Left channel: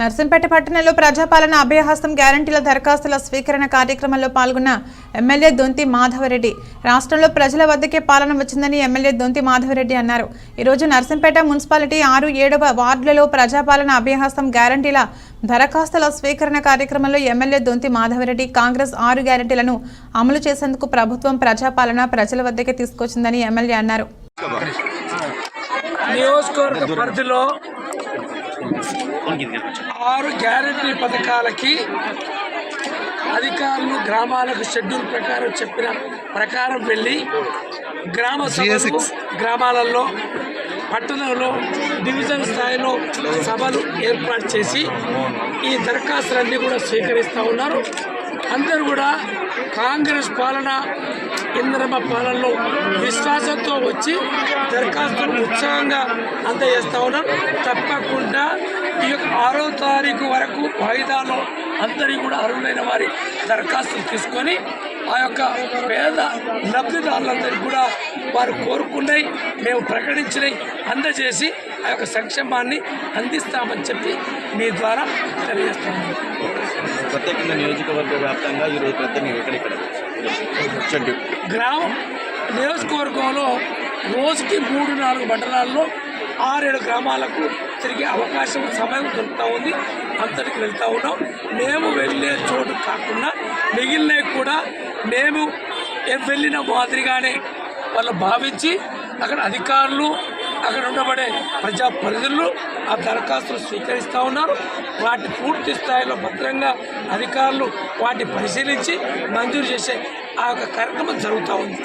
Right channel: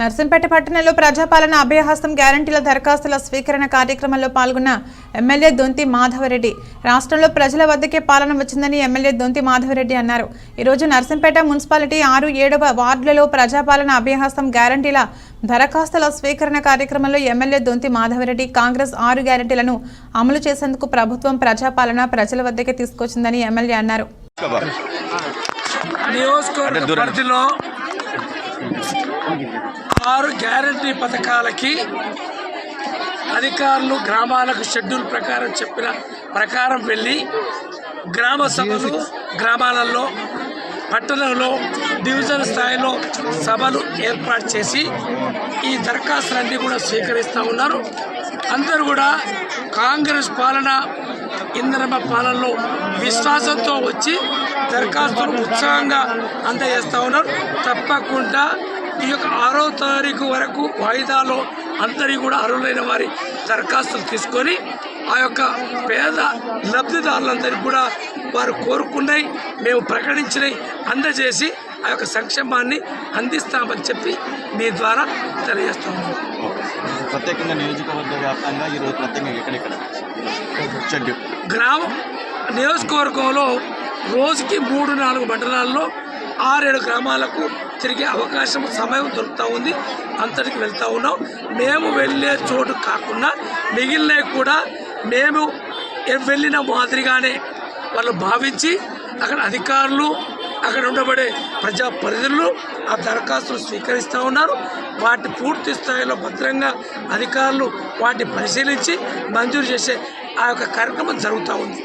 నర్సంపేట పట్టణంలో ప్రజాపాలన అభయహస్తం గ్యారంటీల దరఖాస్తుల స్వీకరణ కార్యక్రమంలో పాల్గొన్న ఎమ్మెల్యే దొంతి మాధవరెడ్డి. రాష్ట్రంలో ప్రజల వద్దకే పాలన వచ్చిందని ఎమ్మెల్యే దొంతి మాధవరెడ్డి అన్నారు. ఈరోజు నర్సంపేట మున్సిపాలిటీ ఆరు ఏడవ వార్డులలో ప్రజాపాలన అభయహస్తం గ్యారంటీల దరఖాస్తుల స్వీకరణ కార్యక్రమంలో ఎమ్మెల్యే దొంతి మాధవరెడ్డి కాంగ్రెస్ ఆరు గ్యారంటీలను అమలు చేసేందుకు ప్రభుత్వం ప్రజాపాలన ప్రజల వద్దకే తీసుకొచ్చిందని ఎమ్మెల్యే అన్నారు. నియోజకవర్గ పరిధిలో ఆరు గ్యారంటీ పథకాలకి అధికారులు గ్రామాలకు షెడ్యూల్ ప్రకారం చెప్పిన ప్రకారం వెళ్ళి గ్రామ సభలు గ్రామాలలో పట్టణంలో డివిజన్ స్థాయిలో సభలు ఏర్పాటు చేసి ఈ దరఖాస్తులన్నీ కూడా స్వీకరిస్తూ ఉన్నారు. అందరూ కూడా కాంగ్రెస్ పాలన ఇంద్రమ పాలనలో విశ్వాసంతో వచ్చి దరఖాస్తులు ఉత్సాహంగా అందజేస్తూ ఉన్నారు. తప్పకుండా ఈ యొక్క ఆరో తారీఖు వరకు వాయిదాలో అందరి కూడా అర్హులైన వారి దరఖాస్తులు తీసుకొని ఆ యొక్క పేద లబ్ధిదారులందరికీ కూడా వారు కోరుకున్నాయి మేము ప్రకటించినవి అందజేసి ఆ యొక్క సంక్షేమాన్ని అందిస్తామని చెప్పి మీ ద్వారా తెలియజేస్తాము ప్రత్యేకంగా నియోజకవర్గ వ్యాప్తంగా ఈరోజు ప్రత్యేకంగా ఎక్కడెక్కడ గ్రామ నియోజకవర్గంలో రోజుకి మూడు నాలుగు మండలాల్లో ఆరేడు గ్రామాలకు తిరిగే అవకాశం సమయం దొరుకుతూ ఉంది. అంతటికి వెళ్తూ ఉన్నాం. మేము వెళ్ళే చోటు కాకుండా మిగిలినవి కూడా మేము వెళ్ళిన మాదిరిగానే వాళ్ళు భావించి అక్కడ అధికారులు అక్కడ ఉండబడే ప్రజా పరిధులు ఆ దరఖాస్తులు స్వీకరిస్తూ ఉన్నారు. వాటి పూర్తి స్థాయిలో భద్రంగా అధికారులు వాటిని పరిశీలించి మంజూరు చేసే ఆ యొక్క కార్యక్రమం జరుగుతూ ఉంది.